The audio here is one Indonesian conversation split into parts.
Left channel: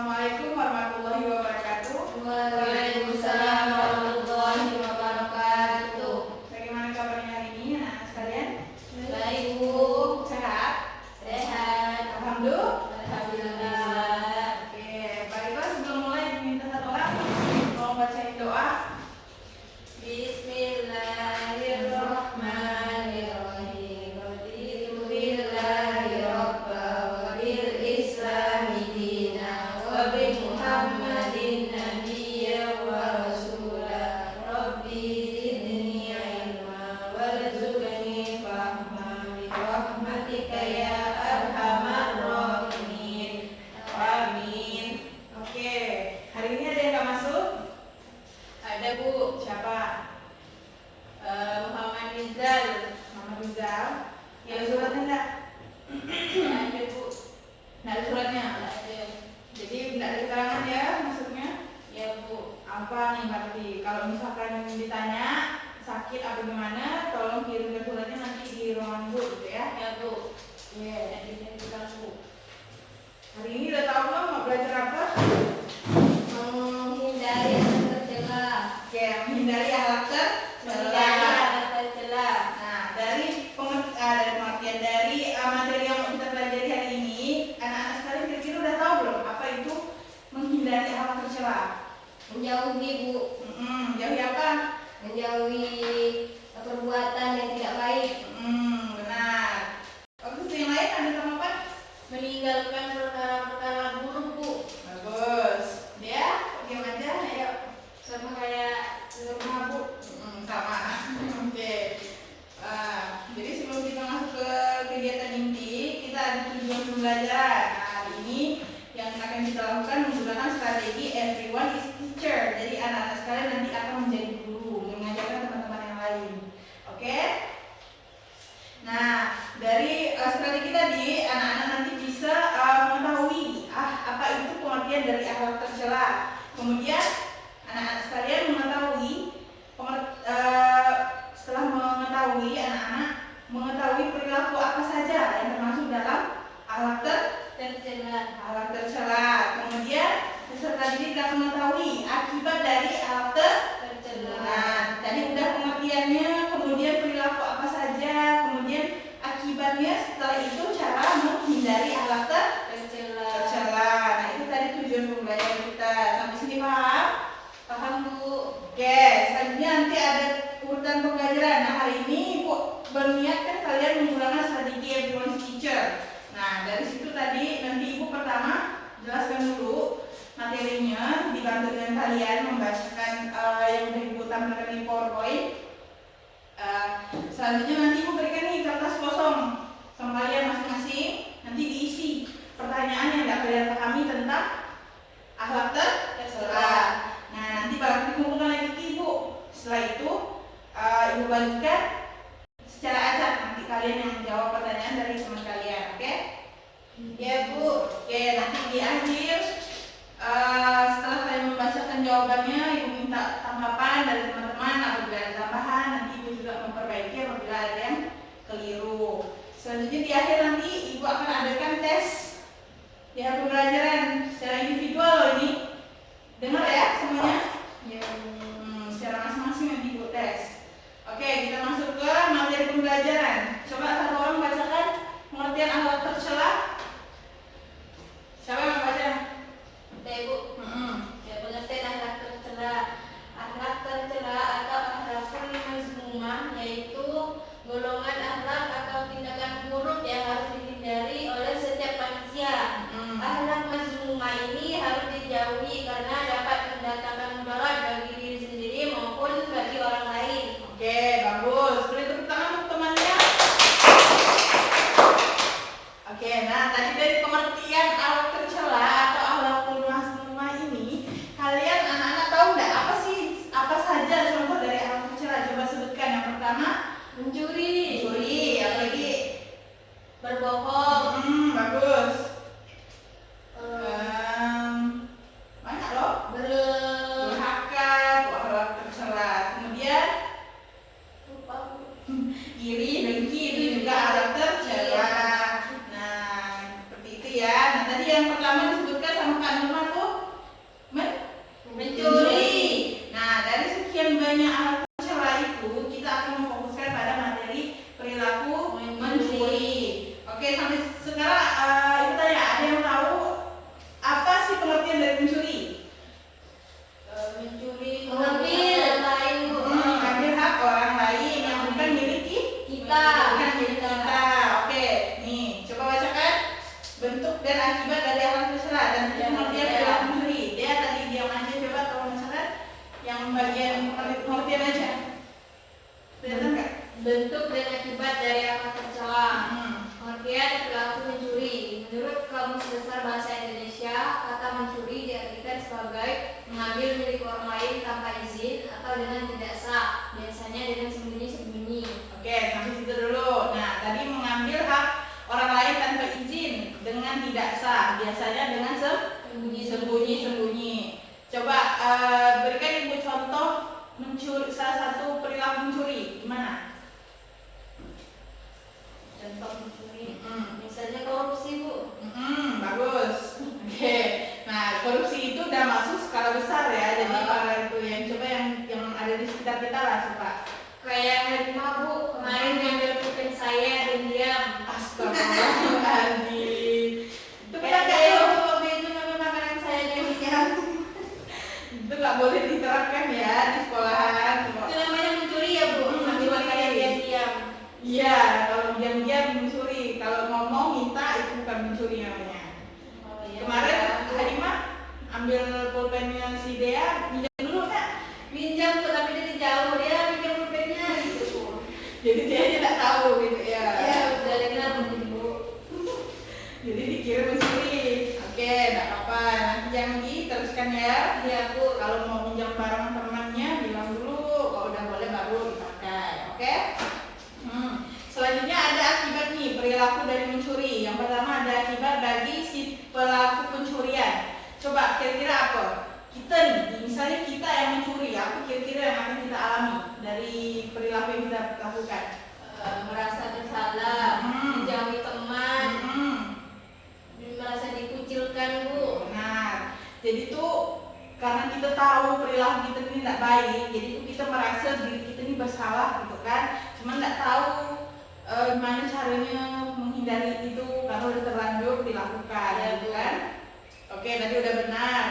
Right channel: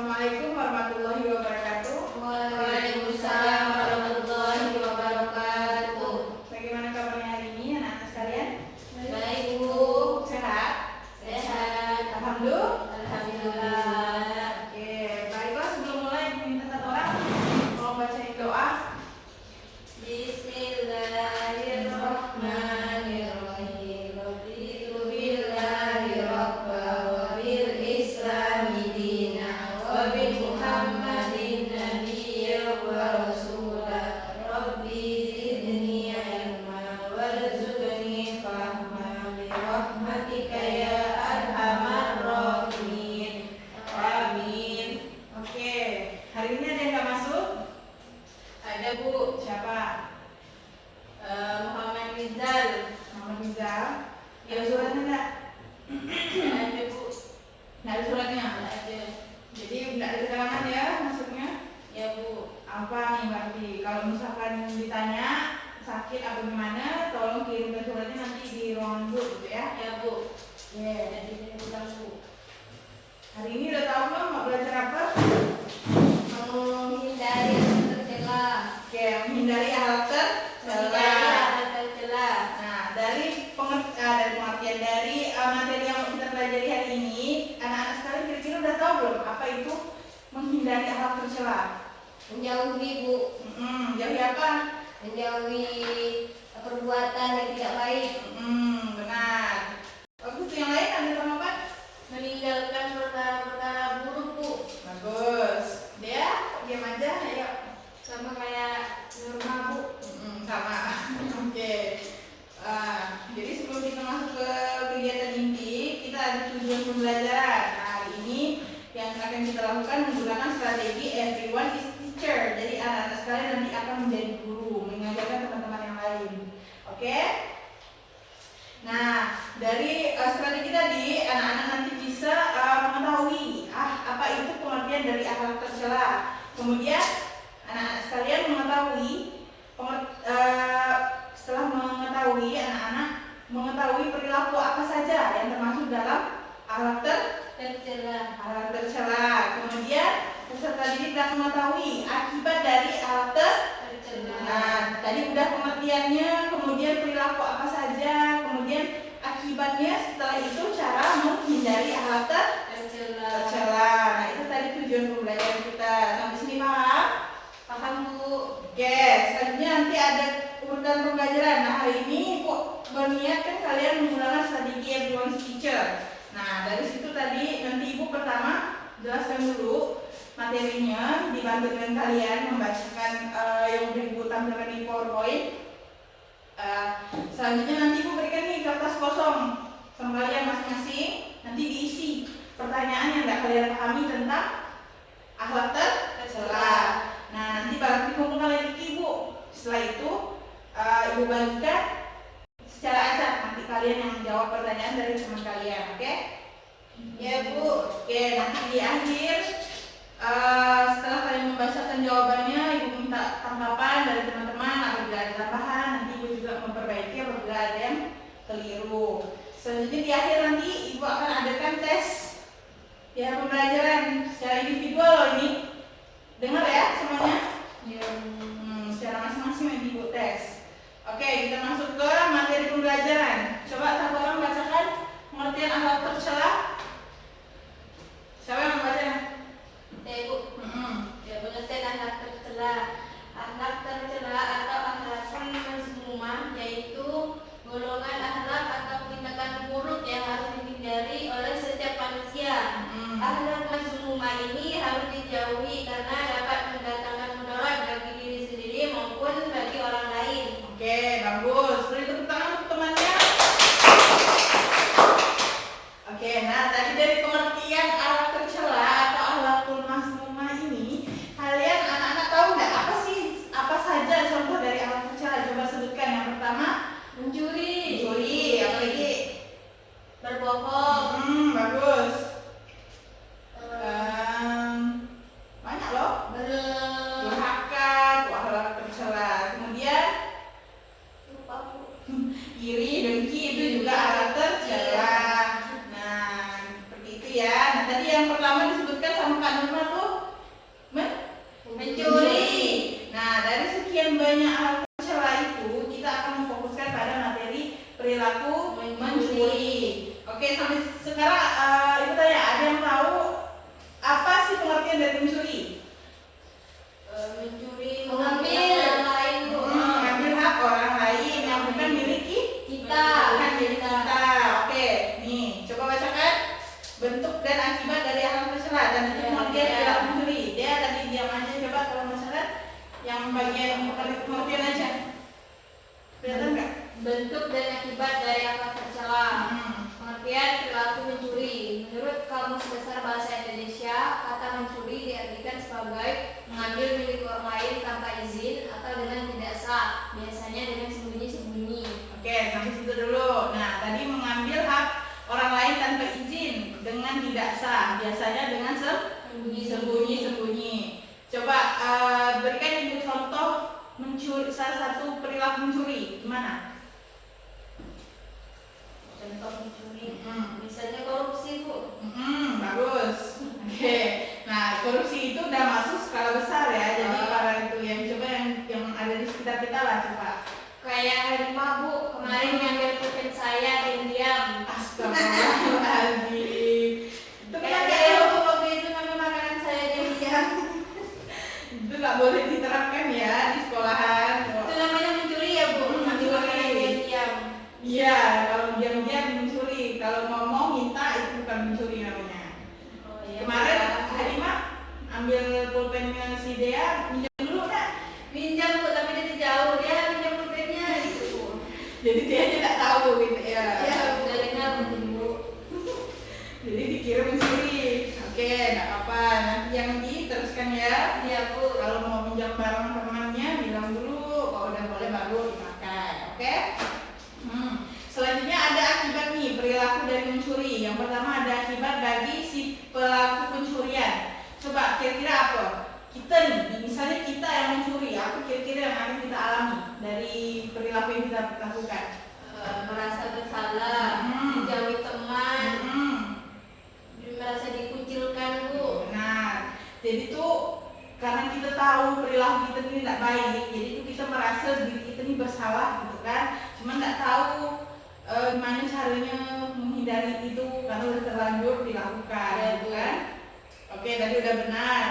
Assalamualaikum warahmatullahi wabarakatuh. Waalaikumsalam warahmatullahi wabarakatuh. Bagaimana kabarnya hari ini anak-anak sekalian? Baik, Bu. Sehat? Sehat. Alhamdulillah. Oke, baiklah, sebelum mulai diminta satu orang mau bacain doa. Bismillahirrahmanirrahim. Raditu billahi rabba wa bil islami dina wa bi Muhammadin nabiyyan wa rasula. Rabbi zidni ilma warzuqni fahma bi rahmatika ya arhamar rahimin. Amin. Oke, hari ini ada yang nggak masuk? Ada, Bu. Siapa? Muhammad Rizal. Mama Rizal. Ada suratnya enggak? Ada, Bu. Nggak ada suratnya. Ada. Jadi nggak ada keterangan ya masuknya. Ya, Bu. Apa nih berarti? Kalau misalkan ditanya sakit apa gimana, tolong kirimkan suratnya nanti di ruangan Bu gitu ya. Ya, Bu. Iya. Jadi saya bilang, Bu. Hari ini udah tahu belum mau belajar apa? Menghindari hal tercela. Oke, menghindari hal Menghindari tercela. hal tercela. Nah, dari pengertian dari materi yang mau kita pelajari hari ini, anak-anak sekalian kira-kira udah tahu belum apa itu menghindari hal tercela? Menjauhi, Bu. Jauhi apa? Menjauhi perbuatan yang tidak baik. Benar. Bagus, yang lain ada sama apa? Meninggalkan perkara-perkara buruk, Bu. Bagus. Dia diam aja, ayo. Sama kayak Nurma, Bu. Sama. Oke. Jadi sebelum kita masuk ke kegiatan inti, kita ada tujuan pembelajaran. Nah, hari ini yang akan kita lakukan menggunakan strategi everyone is teacher. Jadi anak-anak sekalian nanti akan menjadi guru, mengajarkan teman-teman yang lain. Oke? Nah, dari strategi tadi anak-anak nanti bisa mengetahui apa itu pengertian dari akhlak tercela. Kemudian anak-anak sekalian mengetahui setelah mengetahui anak-anak mengetahui perilaku apa saja yang termasuk dalam akhlak Tercela. tercela. Kemudian peserta didik akan mengetahui akibat dari akhlak Tercela. Nah, tadi udah pengertiannya, kemudian perilaku apa saja, kemudian akibatnya, setelah itu cara menghindari akhlak Tercela. tercela. Nah, itu tadi tujuan pembelajaran kita. Sampai sini paham? Paham, Bu. Oke, selanjutnya nanti ada urutan pembelajaran. Nah, hari ini Ibu berniat kan kalian menggunakan strategi everyone's teacher. Nah, dari situ tadi nanti Ibu pertama jelaskan dulu materinya, dibantu dengan kalian membacakan yang udah Ibu tampilkan di PowerPoint. Selanjutnya nanti Ibu berikan nih kertas kosong sama kalian masing-masing. Nanti diisi pertanyaan yang tidak kalian pahami tentang akhlak tercela. Nah, nanti baru dikumpulkan lagi ke Ibu. Setelah itu Ibu bagikan secara acak, nanti kalian yang menjawab pertanyaan dari teman kalian, oke? Ya, Bu. Oke, nanti di akhir setelah kalian membacakan jawabannya, Ibu minta tanggapan dari teman-teman. Apabila ada tambahan, nanti Ibu juga memperbaiki apabila ada yang keliru. Selanjutnya di akhir nanti Ibu akan adakan tes ya pembelajaran secara individual loh ini. Dengar ya semuanya? Ya. Secara masing-masing nanti Ibu tes. Oke, kita masuk ke materi pembelajaran. Coba satu orang bacakan pengertian akhlak tercela. Siapa yang membaca? Ya, Bu. Ya, pengertian akhlak tercela. Akhlak tercela atau akhlakun mazmumah yaitu golongan akhlak atau tindakan buruk yang harus dihindari oleh setiap manusia. Akhlak mazmumah ini harus dijauhi karena dapat mendatangkan mudarat bagi diri sendiri maupun bagi orang lain. Oke, bagus. Beri tepuk tangan untuk temannya. Oke, nah tadi dari pengertian akhlak tercela atau akhlakul mazmumah ini, kalian anak-anak tahu nggak apa saja contoh dari akhlak tercela? Coba sebutkan. Yang pertama, Mencuri, apa lagi? berbohong, Bagus. Banyak loh. Durhaka, itu akhlak tercela. Kemudian iri, dengki itu juga akhlak tercela. Nah, seperti itu ya. Nah, tadi yang pertama disebutkan sama Pak bacaan rumah tuh mencuri. Nah, dari sekian banyak hal tercela itu, kita akan memfokuskan pada materi perilaku mencuri. Oke, sampai sekarang itu tanya, ada yang tahu apa sih pengertian dari mencuri? Mencuri mengambil orang lain, Bu. Mengambil hak orang lain yang bukan milik kita. Bukan milik kita. Oke, nih coba bacakan bentuk dan akibat dari hal tercela dan itu pengertian perilaku mencuri. Dia tadi diam aja, coba kalau masalah yang bagian pengertian aja. Kelihatan nggak? Bentuk dan akibat dari akar tercela. Pengertian perilaku mencuri. Menurut Kamus Besar Bahasa Indonesia, kata mencuri diartikan sebagai mengambil milik orang lain tanpa izin atau dengan tidak sah, biasanya dengan sembunyi-sembunyi. Oke, sampai situ dulu. Nah, tadi mengambil hak orang lain tanpa izin dengan tidak sah, biasanya dengan sembunyi-sembunyi. Coba berikan ibu contoh mencuri, salah satu perilaku mencuri, gimana? Contoh mencuri, misalnya korupsi, Bu. Bagus. Oke. Nah, korupsi itu udah masuk skala besar ya. Jadi para itu yang coba yang ada di sekitar kita lah coba. Kayak Harimah, Bu, kemarin ngambil pulpen saya diam-diam. Astagfirullahaladzim. Itu Kayak dia waktu itu ngambil makanan saya diam-diam. Itu nggak boleh diterapkan ya di sekolahan. Itu namanya mencuri ya, Bu, ngambil makanan diam-diam. Iya, kalau diam-diam mencuri. Kalau ngomong minta itu bukan mencuri namanya. Oh, iya. Kemarin Harimah ambil pulpennya si Dea, minjam dulu Kak. Minjam, Bu, tapi dia jauh, dia minjam pulpennya gitu, Bu. Jadi dia aja tak tahu gitu ya. Iya, dari kenapa, Bu? Jadi dikira mencuri. Oke, enggak apa-apa. Nanti yang diteruskan ya. Iya, Bu. Kalau mau pinjam barang temannya bilang dulu, kalau udah boleh baru dipakai. Oke? Selanjutnya ada akibat nih perilaku dari mencuri. Yang pertama ada akibat bagi si pelaku pencurian. Coba kira-kira apa? Kita nih, misalnya kita yang mencuri, apa kira-kira yang akan kita alami dari perilaku yang kita lakukan? Merasa bersalah, menjauhi teman, merasa dikucilkan, Bu. Nah, jadi tuh karena kita tahu perilaku kita ini tidak baik, jadi tuh kita merasa diri kita ini bersalah gitu kan. Cuma tidak tahu gimana caranya menghindari itu karena udah terlanjur dilakukan, gitu kan? Oke, tadi udah benar.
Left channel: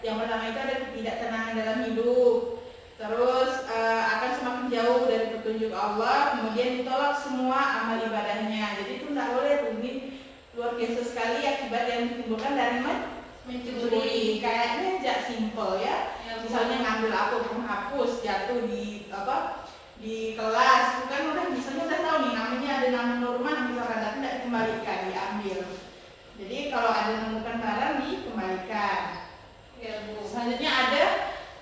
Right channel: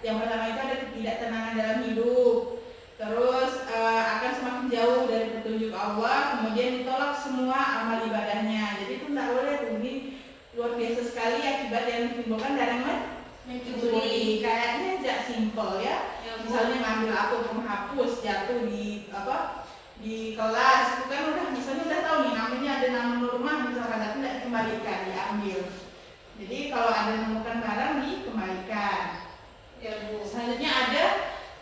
Yang pertama itu ada ketidaktenangan dalam hidup. Terus akan semakin jauh dari petunjuk Allah, kemudian ditolak semua amal ibadahnya. Jadi itu tidak boleh tuh. Ini luar biasa sekali akibat yang ditimbulkan dari mencuri. Kayaknya aja simple ya. Misalnya ngambil apa penghapus jatuh di kelas, itu kan misalnya udah tahu nih namanya ada nama rumah misalkan, tapi tidak dikembalikan, diambil. Jadi kalau ada menemukan barang dikembalikan. Ya, Bu. Selanjutnya ada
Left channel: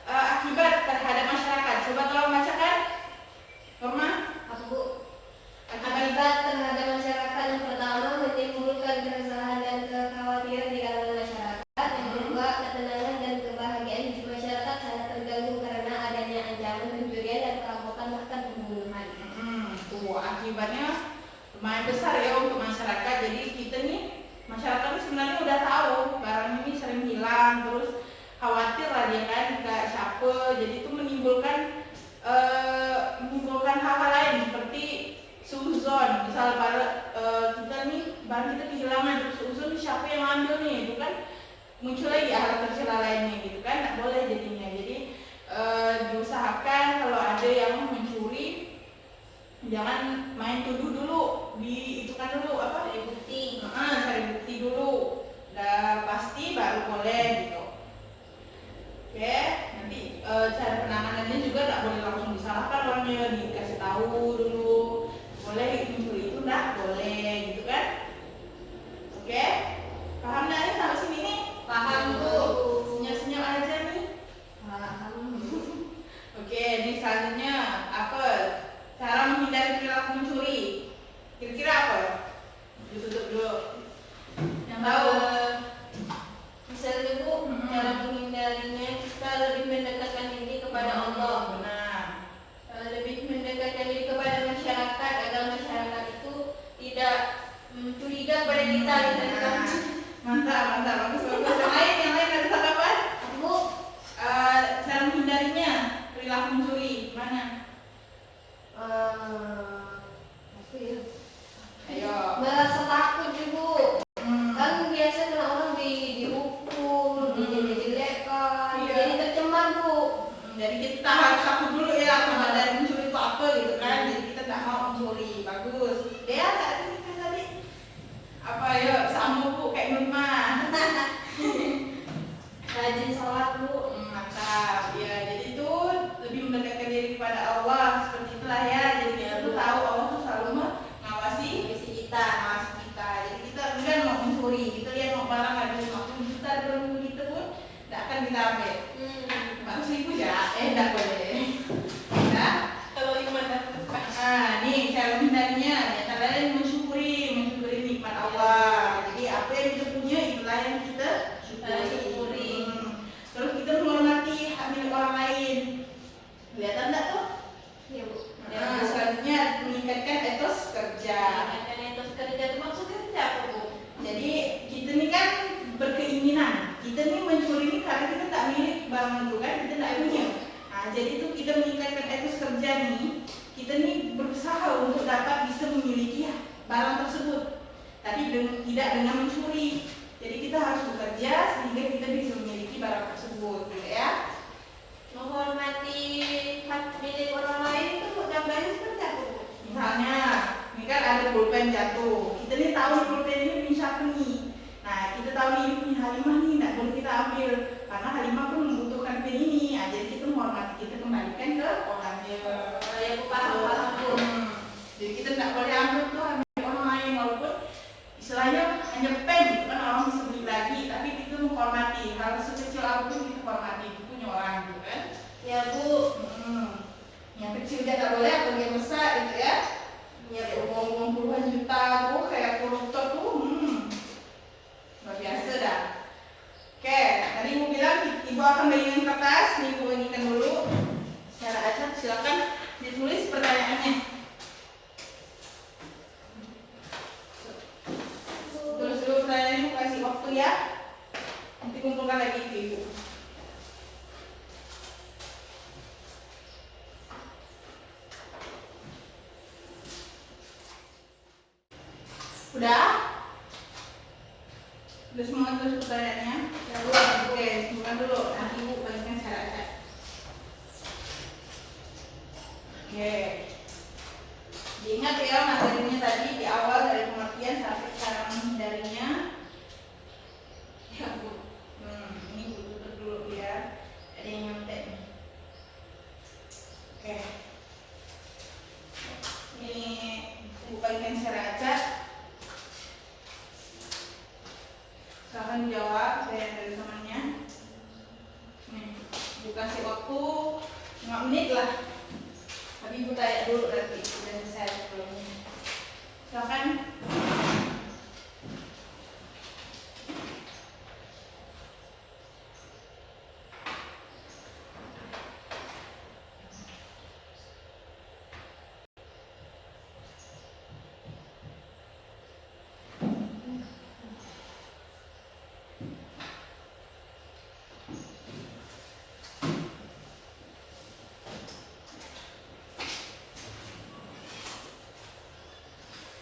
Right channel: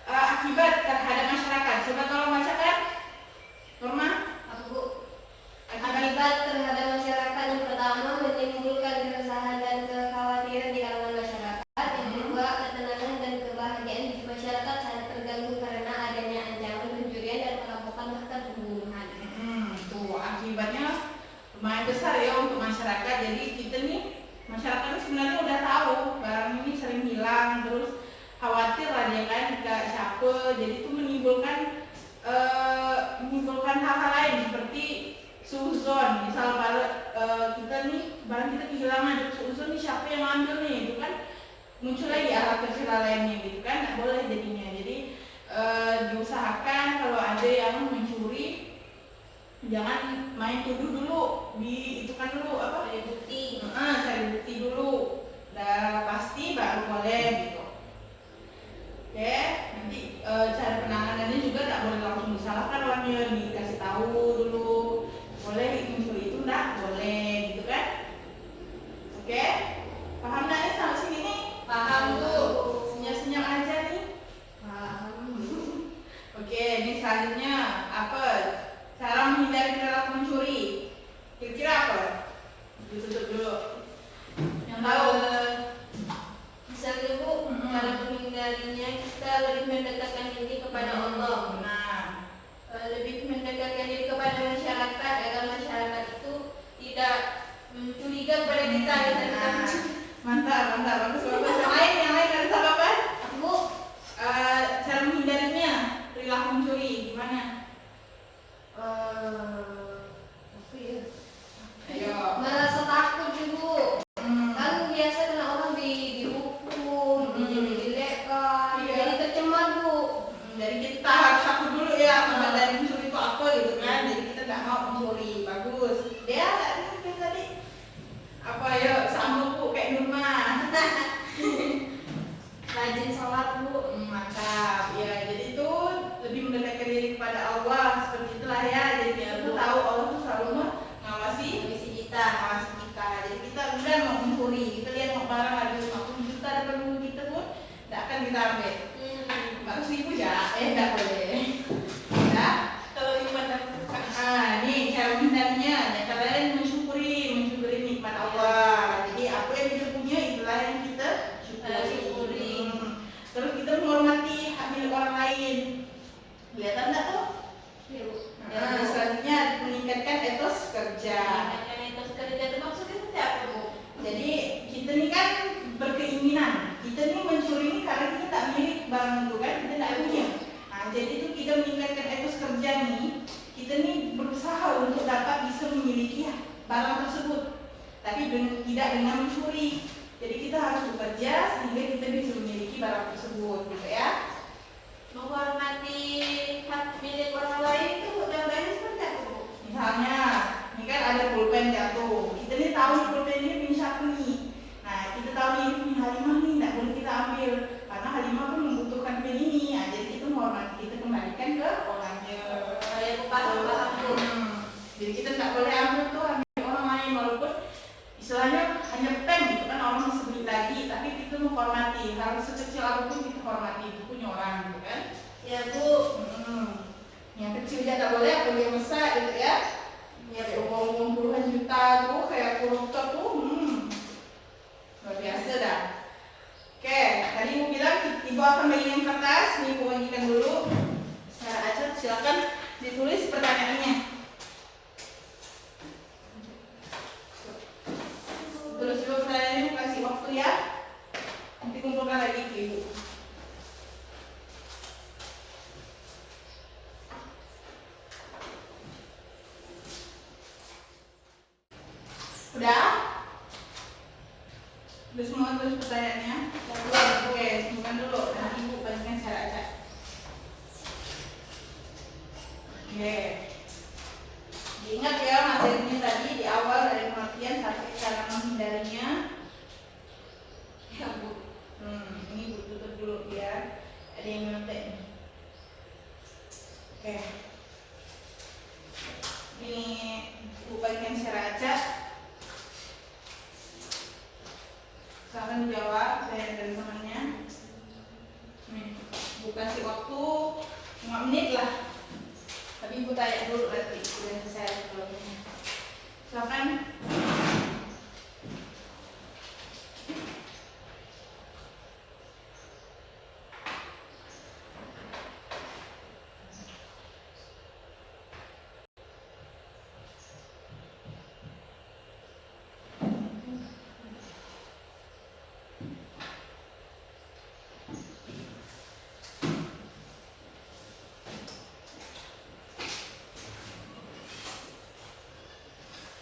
akibat terhadap masyarakat. Coba tolong bacakan, Norma. Bu. Akibat terhadap masyarakat yang pertama menimbulkan keresahan dan kekhawatiran di kalangan masyarakat. Yang kedua, ketenangan dan kebahagiaan di masyarakat sangat terganggu karena adanya ancaman pencurian dan perampokan bahkan pembunuhan. Tuh akibatnya lumayan besar ya untuk masyarakat. Jadi kita nih masyarakat ini sebenarnya udah tahu barang ini sering hilang, terus khawatir lah dia kan jika siapa. Jadi itu menimbulkan hal-hal lain seperti suzon. Misal kita nih barang kita kehilangan, suzon nih siapa yang ambil nih, itu kan muncul lagi hal tercela lainnya gitu kan, nggak boleh jadinya. Jadi diusahakan kalau ada yang mencuri jangan main tuduh dulu, itu kan dulu apa? Cari bukti. Cari bukti dulu, udah pasti baru boleh gitu. Oke, nanti cara penanganannya juga nggak boleh langsung disalahkan orangnya, dikasih tahu dulu. Boleh mencuri itu nggak boleh gitu kan? Oke, paham nggak ya sampai sini nih? Paham, Bu. Senyap-senyap aja nih. Paham. Oke, ini selanjutnya apa? Cara menghindari perilaku mencuri. Kira-kira apa? Ditutup dulu. Mantap, mantap, bagus, bagus. Yang lain ada tanggapan? Bu, Cara menghindarinya perilaku mencuri gimana? apa ya? Ayo. Merasa takut ibu. Kan biasanya orang dihukum, dijelek-jelekan, Iya. jadi tercemar bu. Jadi kita harus takut dulu ya sama dari mencuri itu apa gitu kan. Jadi kita nggak mau mencuri. Bagus. Dia tadi apa ya, sama bu kayak Nurma. Rajin sholat bu. Mantap. Ya, jadi itu lebih mendekatkan diri kepada Allah, seperti itulah ya. Jadi kita tuh tahu Allah tuh selalu mengawasi kita. Jadi kita udah mau mencuri, kita lihat mau barang ada 50 juta di dalam kita pun tidak akan kita ambil. 100.000 ya, tidak boleh. Ya, kalau iman dan nih cara menghindarinya, ya kalian mensyukuri nikmat Allah. Jadi apa yang kita punya itulah yang kita syukuri. Terus kita menghormati hak milik orang lain. Kelihatan enggak tuh? Iya bu. Selanjutnya meningkatkan etos kerja. Meningkatkan etos kerja itu maksudnya apa bu? Jadi kita ini kan berkeinginan. Kita ini mencuri ini karena kita tak milik barang itu kan, kita tak punya. Nah, jadi itu kita meningkatkan etos kerja nih. Kita ini berusaha untuk dapat bisa memiliki barang tersebut, tapi tidak dengan mencuri. Jadi kita harus bekerja sehingga kita bisa memiliki barang tersebut, gitu ya. Menghormati hak milik orang lain itu contohnya seperti apa bu? Misalnya, ini kan ada pulpen jatuh. Kita nih tahu pulpen ini punya siapa nih. Nah, kita tahu ini punya Halimah nih, tidak boleh kita ambil karena Halimah pun membutuhkan pen ini. Nah, jadi kita menghormati, kita kembalikan ke orangnya. Ya bu, paham bu. Jadi kita tidak boleh ambil tuh ambil orang lain walaupun istilahnya hanya pen gitu kan, orang bisa beli lagi, tapi kita menghormati hal sekecil apapun kita hormati, itu punya orang gitu kan. Ya bu. Yang kecil dia tak boleh, apalagi yang besar gitu ya. Ya uang puluhan juta tuh kayak koruptor tuh, luar biasa dah. Oke, tadi ibu bilang ibu akan bagikan kertas, nih ibu bagikan dulu secara acak, silakan ditulis pertanyaannya. Tulis dulu pertanyaannya, kasih waktu ya. Nanti kumpulkan lagi ke ibu. Udah? Udah semua tulis pertanyaannya? Oke, bukan dulu, nanti ibu bagikan secara acak. Oke. Diingat ya materinya tadi di awal dari pengertian sampai cara menghindarinya. Ya bu. Ini bu tutup dulu ya. Ada yang nyontek nih. Oke. Ini bu bagikan secara acak. Silahkan dijawab, saya dari temannya. Nih, bu kasih waktu 5 menit lah. Tapi ibu tanya dulu nanti sudah selesai sebelumnya. Silakan.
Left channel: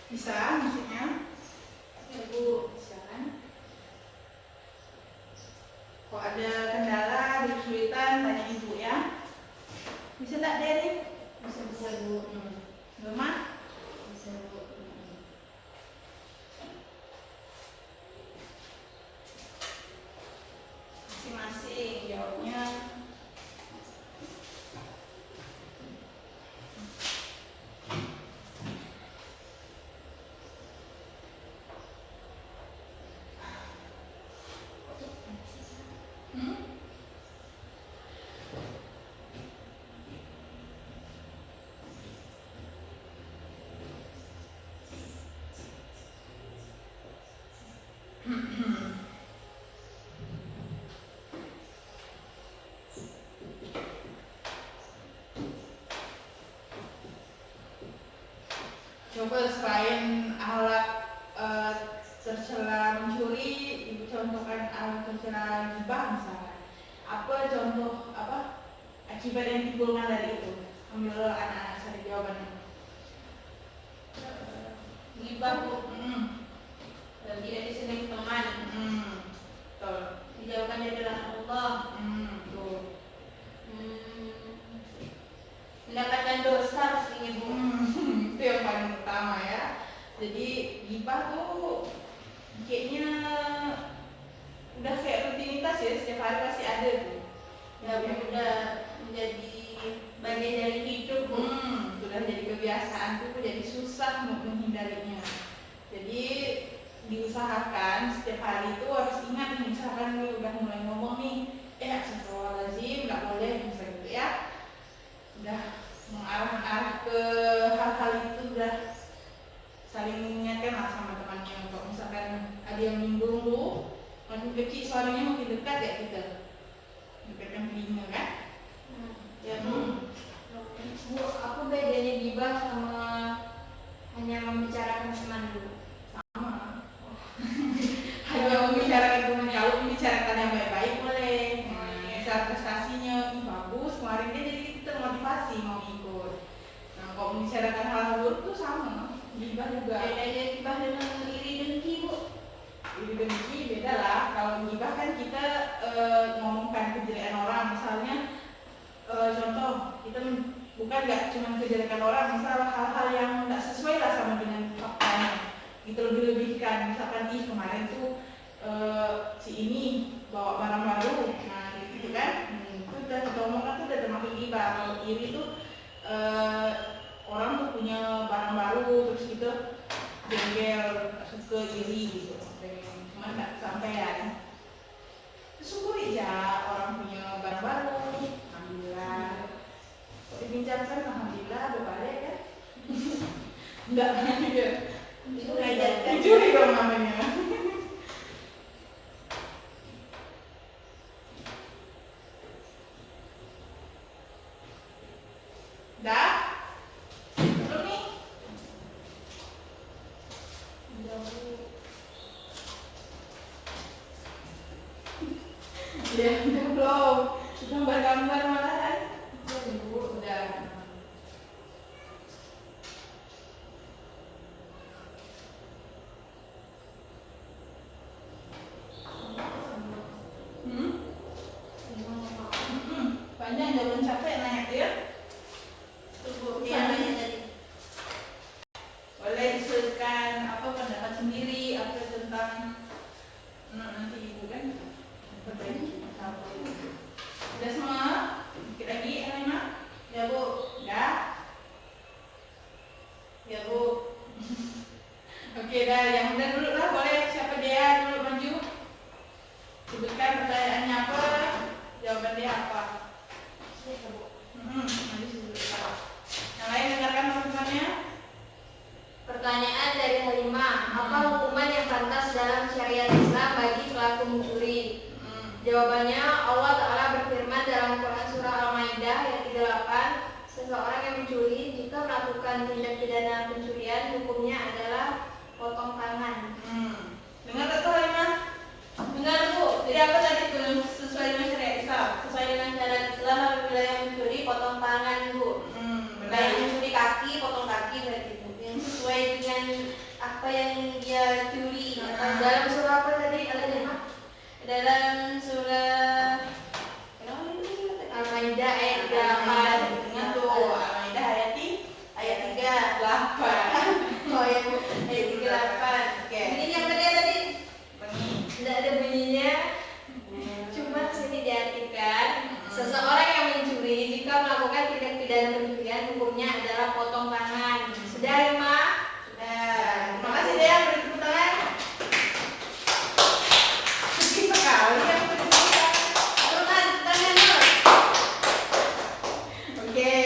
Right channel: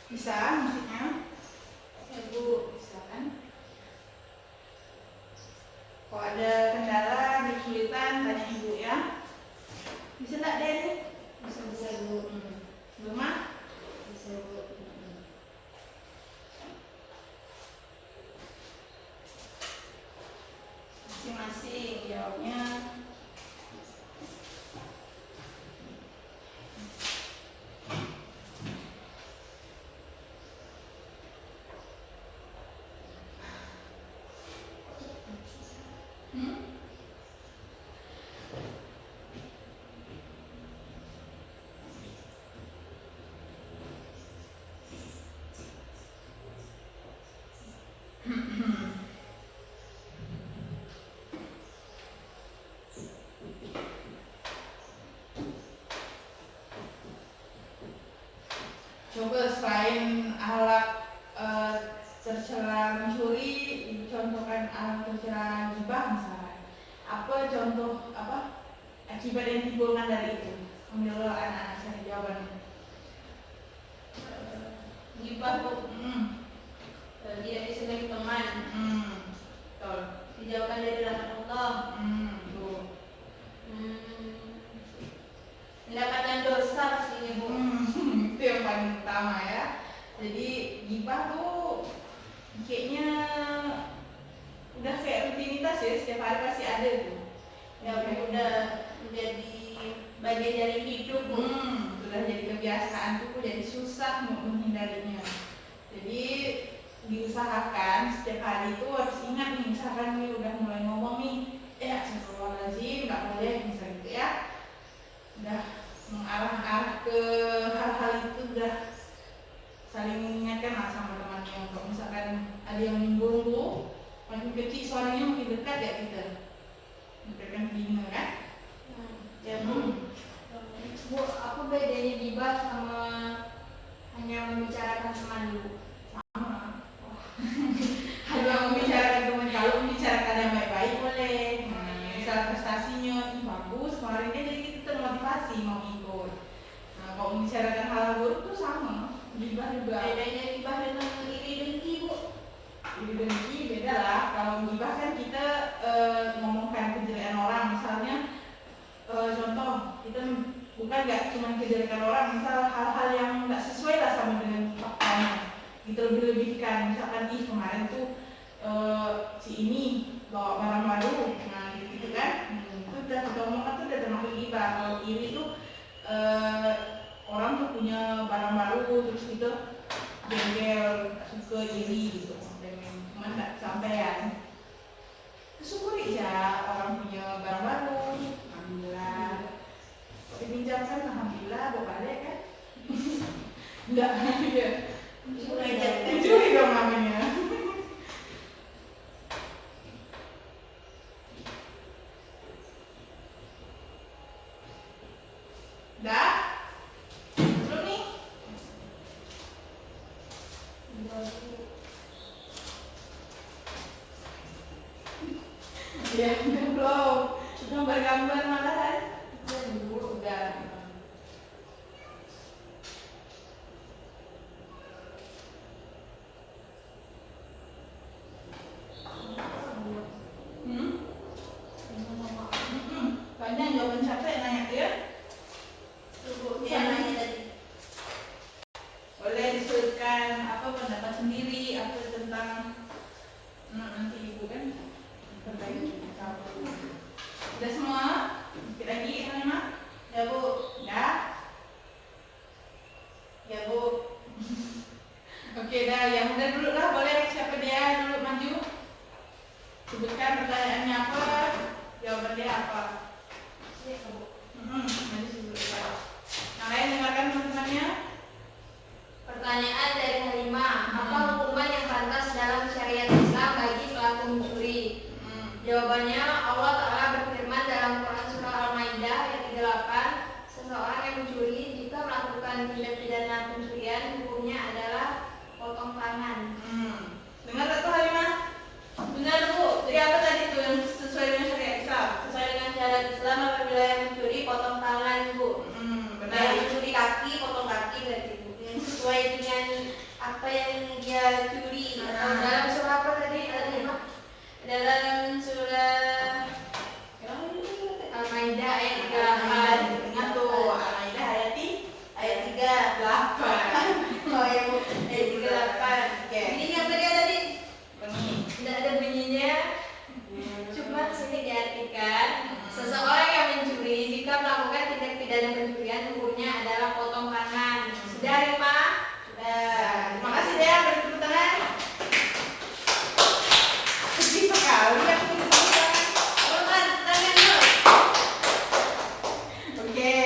Bisa maksudnya? Ya bu, silakan. Kalau ada kendala, ada kesulitan, tanya ibu ya. Bisa tak Deni? Bisa bu. Belum? Bisa bu. Masing-masing jawabnya. Coba selain alat tercela mencuri, ibu akibat yang ditimbulkan dari itu. Ambil anak-anak cari jawabannya. Gibah bu, tidak disenangi teman. Betul. Dijauhkan dari rahmat Allah. Tuh. Mendapatkan dosa pastinya bu. Itu yang paling utama ya. Jadi gibah tuh kayaknya udah kayak rutinitas ya, setiap hari pasti ada tuh. Ya udah menjadi bagian dari hidup bu. Sudah jadi kebiasaan tuh, jadi susah mau menghindarinya. Jadi diusahakan setiap hari itu harus ingat nih, misalkan gue udah mulai ngomong nih, astagfirullahaladzim, nggak boleh misalnya gitu ya. Udah mengarah-arah ke hal-hal itu, udah saling mengingatkan lah sama temannya. Kalau misalkan ada yang nyinggung tuh, makin kecil suaranya makin dekat ya kita, dekatkan telinga kan. Ya bu. Bu, apa bedanya gibah sama hanya membicarakan teman bu? Sama. Hanya membicarakan teman, kalau membicarakan yang baik-baik boleh. Misal prestasinya bagus, kemarin dia jadi kita termotivasi mau ikut. Nah, kalau membicarakan hal buruk tuh sama, gibah juga. Bedanya gibah dengan iri dengki bu? Iri dengki beda lah. Kalau gibah kan kita ngomongkan kejelekan orang, misalnya contoh kita bukan nggak cuma kejelekan orang, misal hal-hal yang nggak sesuai lah sama dengan faktanya, gitu lebih-lebihkan. Misalkan kemarin tuh si ini bawa barang baru, nah gitu kan, itu udah kita omongkan tuh udah termasuk gibah. Kalau iri tuh orang tuh punya barang baru terus gitu jengkel, suka iri gitu, cuman nggak sampean. Syukuri ya orang punya barang baru, alhamdulillah. Kok dibincangkan, alhamdulillah, balik kan? Enggak, ya. Dicuri dong namanya. Dah? Belum nih? Ya, udah belum. Gambar-gambar malahan. Udah. Banyak jawaban siapa yang nanya dia? Boleh disebutkan apa pendapat sendiri apa tentang nanti ibu kan berbagi. Udah semua? Dikit lagi Elena? Ya bu. Ya? Ya bu. Oke dah, yang benar dulu lah, boleh siapa dia dulu maju. Sebutkan pertanyaannya apa, jawaban dia apa. Nanti sebutkan. Yang lain dengarkan teman-temannya. Pertanyaan dari Halimah, apa hukuman yang pantas dalam syariat Islam bagi pelaku mencuri? Jawabannya, Allah Ta'ala berfirman dalam Quran Surah Al-Maidah ayat 38, seseorang yang mencuri jika melakukan tindak pidana pencurian hukumnya adalah potong tangan. Dengar tak tuh Halimah? Benar bu. Jadi apa tadi tuh yang sesuai dengan syariat Islam? Sesuai dengan syariat Islam, apabila yang mencuri potong tangan bu. Benar. Yang mencuri kaki potong kaki berarti bu. Yang sesuai dengan apa yang dia curi. Dalam surah apa tadi? Dalam surah Al-Maidah ayat 38. Ingat tuh Al-Maidah ayat 38. Oh ya bu, ayat 38. Oke. Ini yang tadi Bunyi. tidak ada bunyinya. Cuma sini diartikan seseorang yang mencuri jika melakukan tindak pidana pencurian hukumnya adalah potong tangan. Sudah Rima? Terima kasih deh yang beri tepuk tangan. Sedih sekali yang beri tepuk tangan. Tangan dulu. Oke,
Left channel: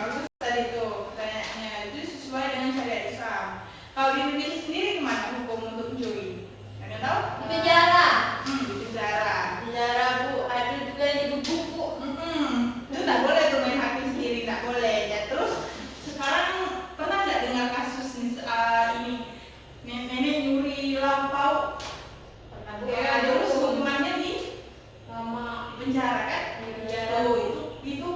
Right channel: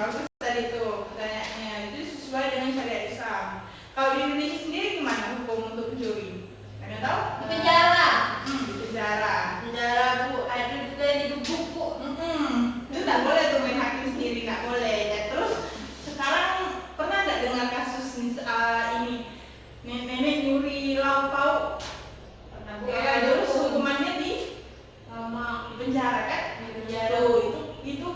bagus tadi tuh pertanyaannya. Itu sesuai dengan syariat Islam. Kalau di Indonesia sendiri gimana hukum untuk mencuri? Ada tahu? Di penjara. Di penjara. Penjara bu, ada juga dibubuk bu. Itu tak boleh tuh main hakim sendiri, nggak boleh. Ya, terus sekarang pernah nggak dengar kasus ini nenek nyuri lauk pauk? Ya, terus hukumannya di Sama penjara kan? di penjara. Tuh, itu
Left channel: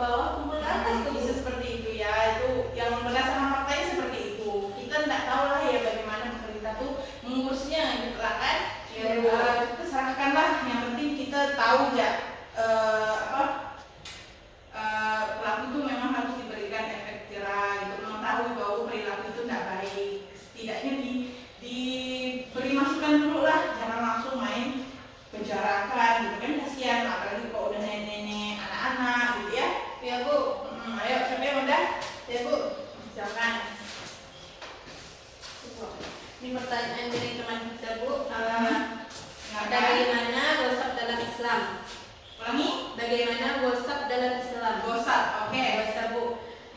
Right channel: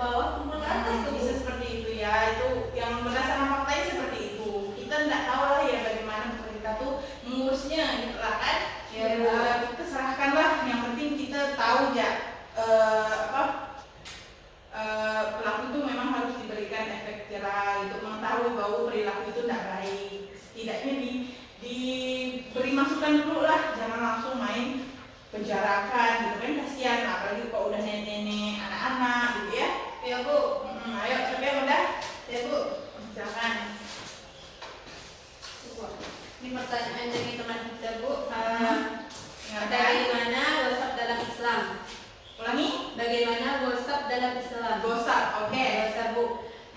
bawah, tumpul ke atas tuh. Bisa seperti itu ya, itu yang berdasarkan faktanya seperti itu. Kita nggak tahu lah ya bagaimana pemerintah tuh mengurusnya gitu lah kan. Ya, Kita serahkanlah, yang penting kita tahu ya pelaku itu memang harus diberikan efek jerah gitu, mengetahui bahwa perilaku itu tidak baik, setidaknya diberi masukan dulu lah, jangan langsung main penjarakan gitu kan, kasihan apalagi kalau udah nenek-nenek, anak-anak gitu ya. Ya Bu. Ayo siapa yang udah? Ya Bu. Silakan. Ini pertanyaan dari teman kita Bu. Silakan. Bagaimana gosok dalam Islam? Ulangi. Bagaimana gosok dalam Islam? Gosok, oke. Gosok Bu.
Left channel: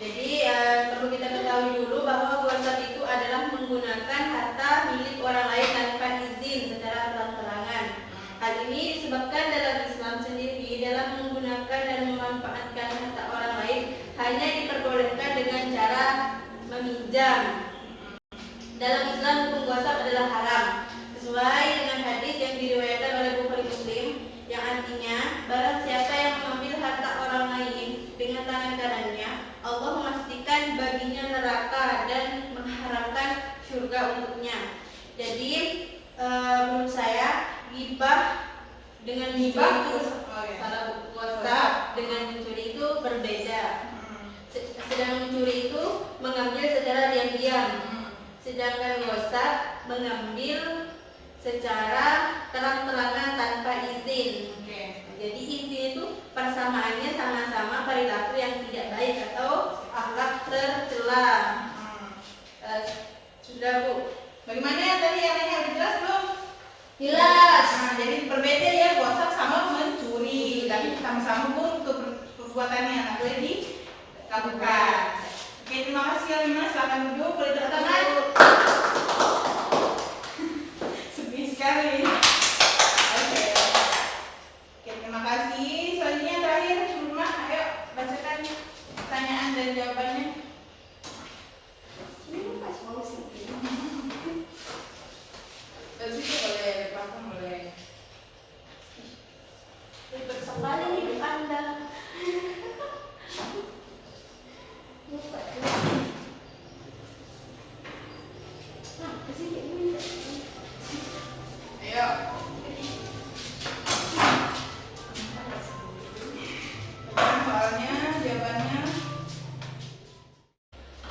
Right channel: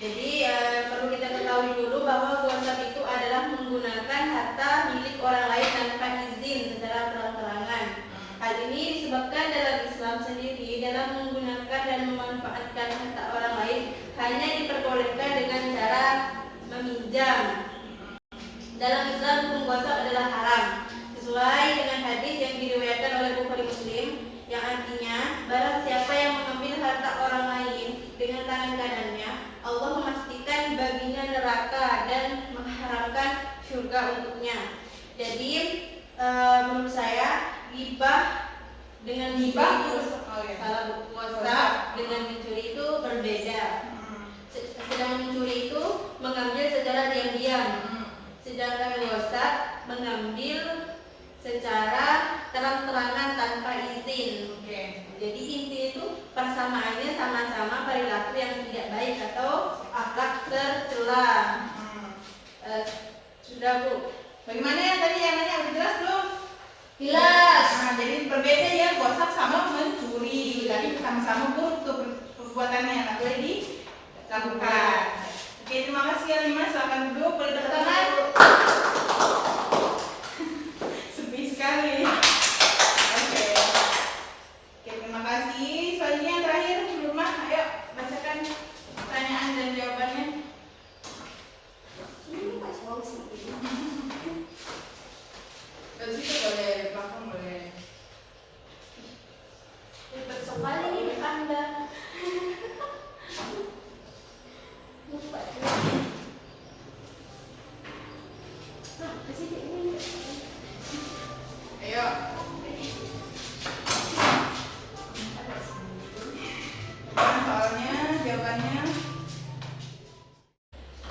Jadi perlu kita ketahui dulu bahwa gosok itu adalah menggunakan harta milik orang lain tanpa izin secara terang-terangan. Hal ini disebabkan dalam Islam sendiri dalam menggunakan dan memanfaatkan harta orang lain hanya diperbolehkan dengan cara meminjam. Dalam Islam hukum gosok adalah haram sesuai dengan hadis yang diriwayatkan oleh Bukhari Muslim yang artinya barang siapa yang mengambil harta orang lain dengan tangan kanannya, Allah memastikan baginya neraka dan mengharamkan surga untuknya. Jadi menurut saya ghibah dengan mencuri itu salah, gosok dengan mencuri itu berbeda. Sedang mencuri itu mengambil secara diam-diam, sedangkan gosok mengambil secara terang-terangan tanpa izin. Jadi inti itu persamaannya sama-sama perilaku yang tidak baik atau akhlak tercela. Sudah Bu. Bagaimana yang tadi yang nanya udah jelas belum? Jelas. Jadi berbeda ya, gosok sama mencuri, tapi sama-sama pun perbuatannya yang boleh dilakukan. Oke, terima kasih Alima, silakan duduk, boleh tepuk tangan. Sepi sekali. Oke, terima kasih. Selanjutnya yang terakhir, Rumah, ayo bacakan pertanyaan dan jawabannya. Dari situ boleh, dari belakang boleh. Ribet sekali hidup Anda. Ayo. Soalnya, jawabannya.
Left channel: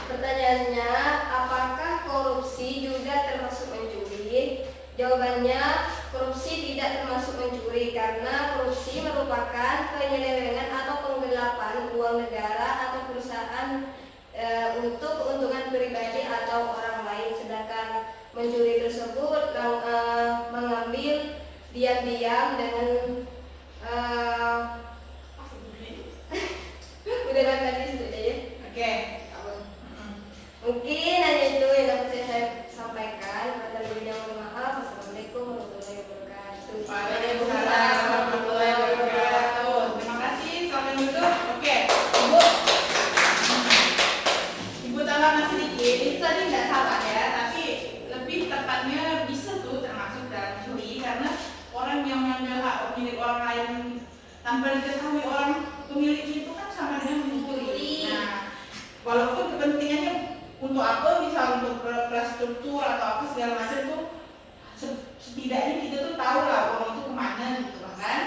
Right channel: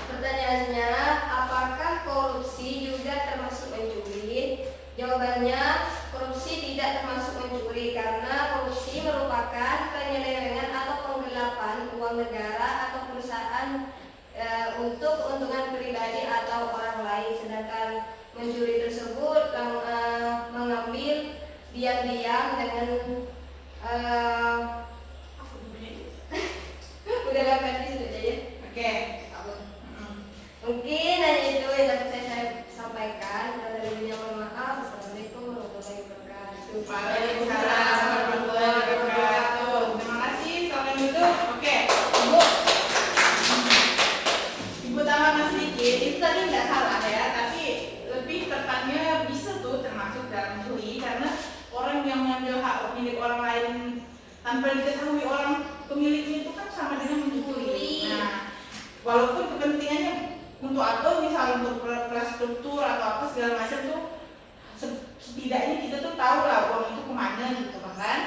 Pertanyaannya, apakah korupsi juga termasuk mencuri? Jawabannya, korupsi tidak termasuk mencuri karena korupsi merupakan penyelewengan atau penggelapan uang negara atau perusahaan untuk keuntungan pribadi atau orang lain, sedangkan mencuri tersebut mengambil diam-diam dengan udah dapat di situ aja ya. Oke. Mungkin hanya itu yang dapat saya sampaikan. Ada lebihnya mohon maaf. Assalamualaikum warahmatullahi wabarakatuh. Waalaikumsalam warahmatullahi wabarakatuh. Terima kasih, selamat duduk. Oke, Ibu tambah masih dikit. Itu tadi nggak salah ya, tapi lebih tepatnya bisa tuh termasuk dalam curi karena orang yang mengambil hak milik orang lain tanpa diketahui orang pemiliknya itu kan sama dengan mencuri. Nah, walaupun kepentingannya untuk apa, misal untuk infrastruktur atau apa segala macam tuh, setidaknya kita tuh tahu lah uang itu kemana gitu kan.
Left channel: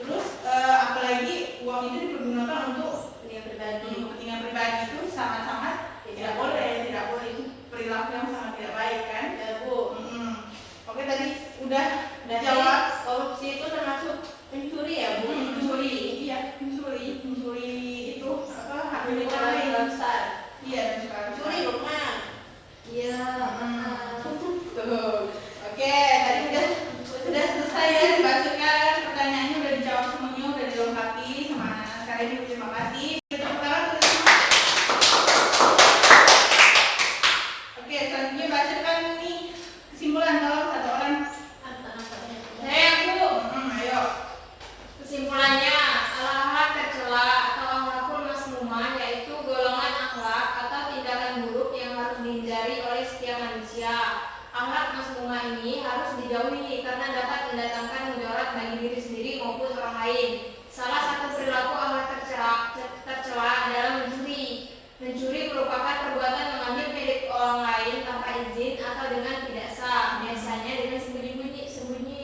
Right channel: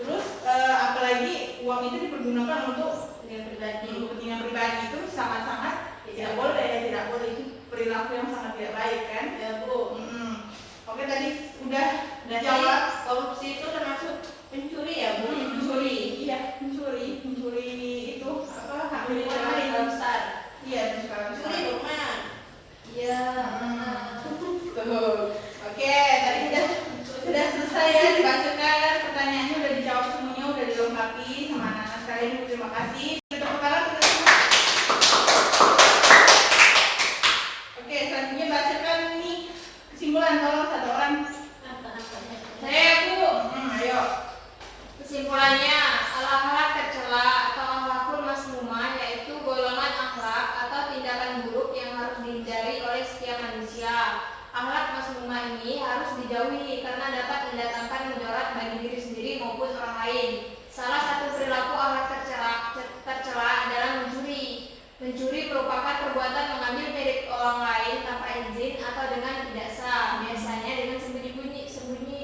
Terus apalagi uang itu dipergunakan untuk kepentingan pribadi itu sangat-sangat tidak boleh, itu perilaku yang sangat tidak baik kan ya Bu. Oke, tadi udah jawab. Korupsi itu termasuk mencuri ya Bu? Mencuri, iya mencuri itu apa, hak milik orang lain. Iya, dan skala besar. Mencuri rumah. Iya. Tuh. Oke, tadi sudah selesai ya dibacakan pertanyaannya, udah dijawab semuanya, udah dilengkapi sama anak-anak sekalian. Terima kasih. Tepuk tangan untuk semua. Oke, selanjutnya bacakan nih kesimpulan, tolong satu orang. Saya Bu. Ayo. Kesimpulannya, akhlak tercela atau akhlakul mazmumah yaitu golongan akhlak atau tindakan buruk yang harus dihindari oleh setiap manusia. Akhlak mazmumah ini harus dijauhi karena dapat mendatangkan mudarat bagi diri sendiri maupun orang lain. Salah satu perilaku akhlak tercela tercela adalah mencuri. Mencuri merupakan perbuatan mengambil milik orang lain tanpa izin atau dengan tidak sah, biasanya dengan sembunyi.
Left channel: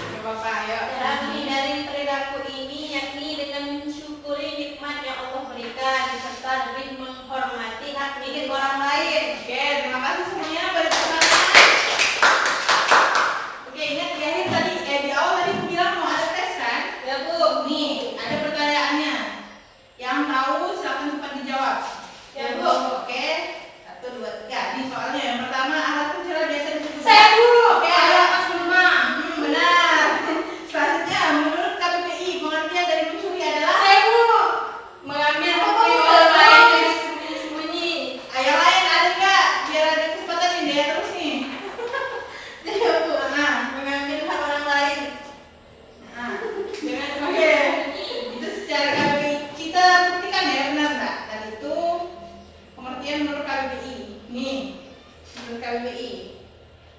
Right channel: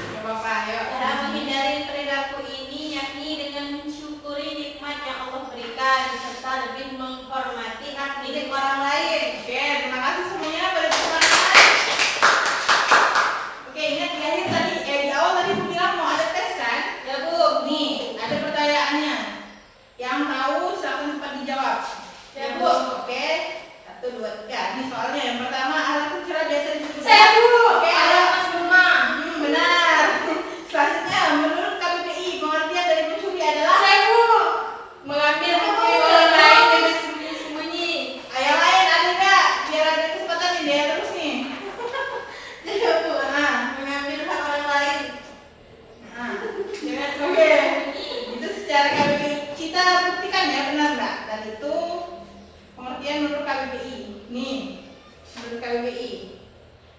Gak apa-apa, ayo. Cara menghindari perilaku ini yakni dengan mensyukuri nikmat yang Allah berikan serta lebih menghormati hak milik orang lain. Oke, terima kasih semuanya. Boleh tepuk tangan. Oke, ingat di akhir tadi, di awal tadi aku bilang mau ada tes kan? Ya Bu. Nih, ada pertanyaannya. Yang tahu silakan cepat dijawab. Ya Bu. Oke, 1, 2, 3. Ini soalnya yang pertama, alat pencera biasa disebut. Saya Bu. Oke, Ayo ayo. pas rumah. Benar. Selanjutnya, menurut KBBI, pengertian dari mencuri adalah? Saya Bu. Mengambil hak milik orang lain dengan sembunyi. Yang lain ada nggak? Biar ada kesempatan nih dia terus nih. Ya Bu. Nah, Mengambil hak orang lain nah. dengan Oke, sembunyi. itu secara KBBI kita buktikan ya, benar nggak? Dan itu pengertian menurut KBBI. Nih, menurut KBBI.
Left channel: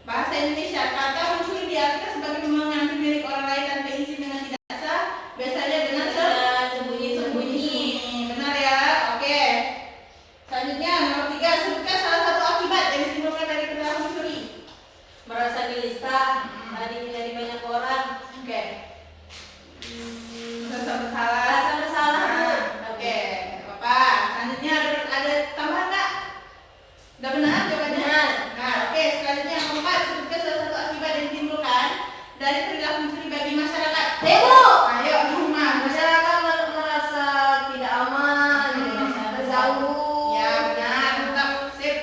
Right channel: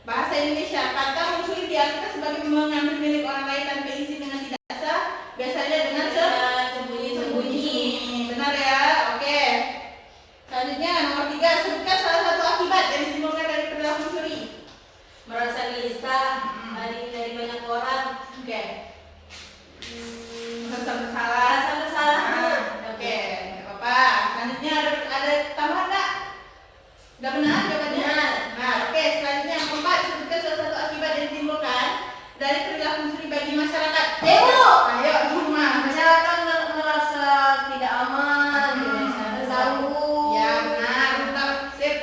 Bahasa Indonesia, kata mencuri diartikan sebagai mengambil milik orang lain tanpa izin dengan tidak sah, biasanya dengan sembunyi. Benar ya? Oke. Selanjutnya nomor 3, sebutkan salah satu akibat yang ditimbulkan dari perilaku mencuri. Merasa gelisah, dari banyak orang. Oke. Merasa bersalah. Merasa bersalah Bu. Nah, oke, nggak apa-apa. Selanjutnya ada tambahan nggak? Udah benar jawabannya? Benar. Nah, oke. Selanjutnya yang keempat, sebutkan salah satu akibat yang ditimbulkan dari perilaku mencuri bagi masyarakat. Bu. Ayo, di rumah. Masyarakat merasa tidak aman, terganggu. Ya, benar. Tetap sip.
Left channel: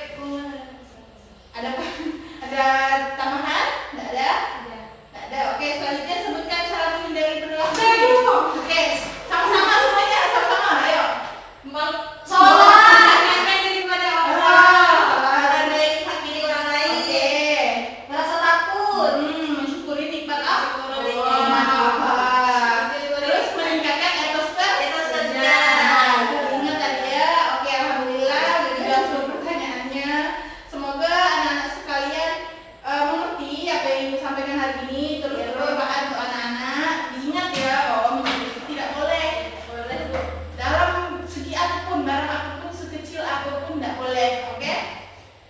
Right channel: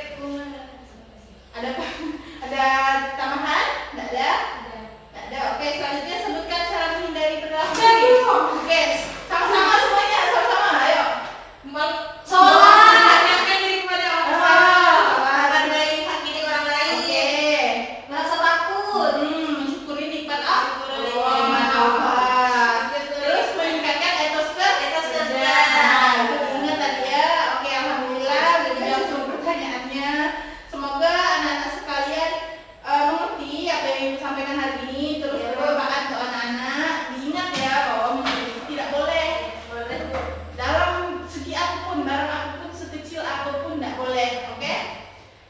Ada apa? Ada tambahan? Nggak ada? Nggak ada. Oke, selanjutnya sebutkan cara menghindari perilaku mencuri. Oke, sama-sama semuanya, sama-sama. Ayo. Sholat, mendekatkan diri kepada Allah. Ah, Menghargai hak milik orang lain. Oke. Merasa takut. Mensyukuri nikmat Allah. Syukuri Oh, nikmat Allah. Syukuri Terus nikmat. meningkatkan etos Etos kerja. kerja. Nah, ingat tadi ya. Oke, alhamdulillah udah dijawab semua pertanyaannya. Semoga anak-anak sekalian mengerti apa yang disampaikan hari ini. Terus bermanfaat untuk anak-anak. Diingat ya, mencuri itu tidak boleh. Boleh Bu. Dalam segi apapun, barang apapun, sekecil apapun tidak boleh, oke?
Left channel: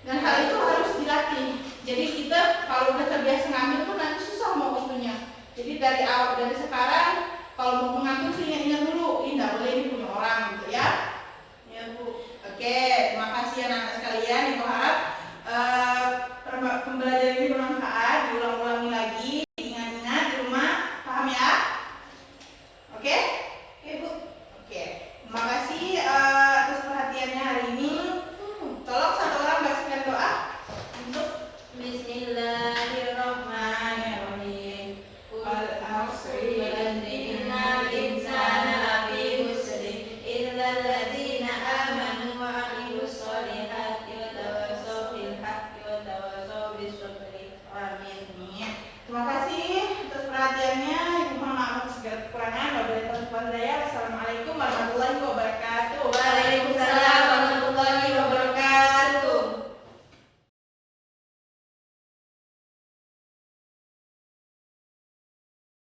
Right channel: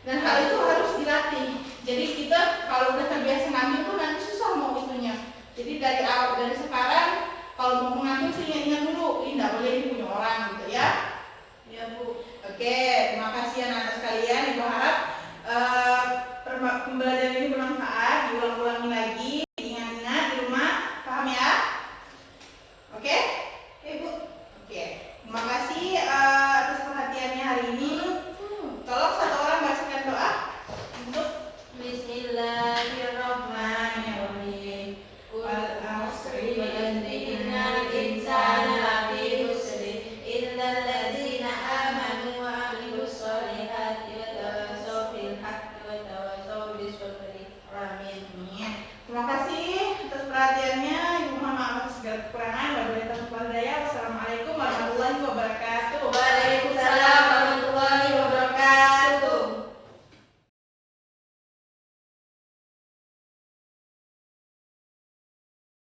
Dan hal itu harus dilatih. Jadi kita kalau udah terbiasa ngambil pun nanti susah mau itunya. Jadi dari awal, dari sekarang kalau mau mengambil sih ingat dulu, ini tidak boleh, ini punya orang gitu ya. Ya Bu. Oke, terima kasih anak-anak sekalian. Ibu harap pembelajaran ini bermanfaat, diulang-ulangi lagi, ingat-ingat di rumah, paham ya? Oke? Oke Bu. Oke, terima kasih atas perhatiannya hari ini. Tolong satu orang bacakan doa untuk Bismillahirrahmanirrahim. Wal asri Innal insana lafi khusr illal ladzina amanu wa 'amilus sholihati wa tawassaw bil haqqi wa tawassaw bis sabri. Amin. Terima kasih atas perhatiannya. Ibu mohon maaf atas segala kekurangan. Wabillahi taufiq wal hidayah. Wassalamualaikum